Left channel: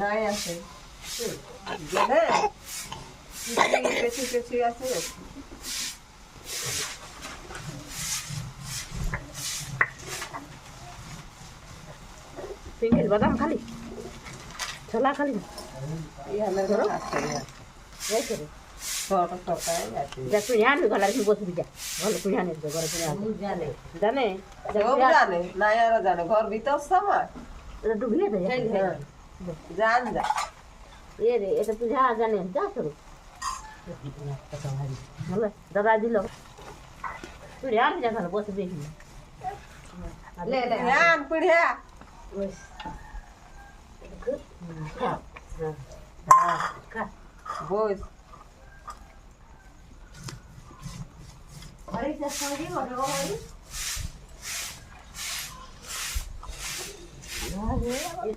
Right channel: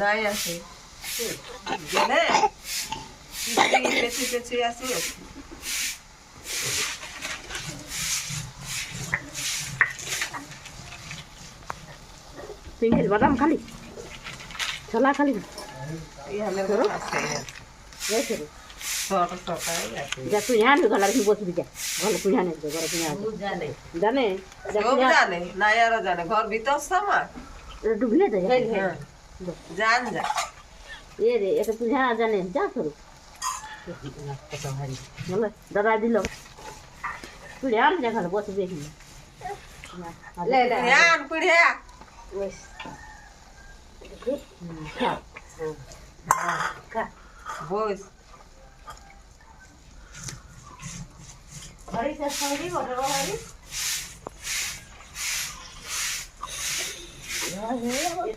নাই আছে গেলে পেছি পেছি আসি pinggir batam kali salah kali ইহানের আছে ya suruh ছোট ছোট আছে যা তুই জানি গলা কি বসে বিজা গলা তুই জানি গলা তুই জানে জানে সব জানে নাই আর জানে ঘর ভিতর সামা ডুবলে দে হ্যাঁ জান যা এ রে এটা তুই জানে যা শুরু দাদা দিল তুই জানি যা গলা বসে দেখি ले ले ध्यान पिढ़िया Wes. Bose Hari saya saudi ada hari. Ya,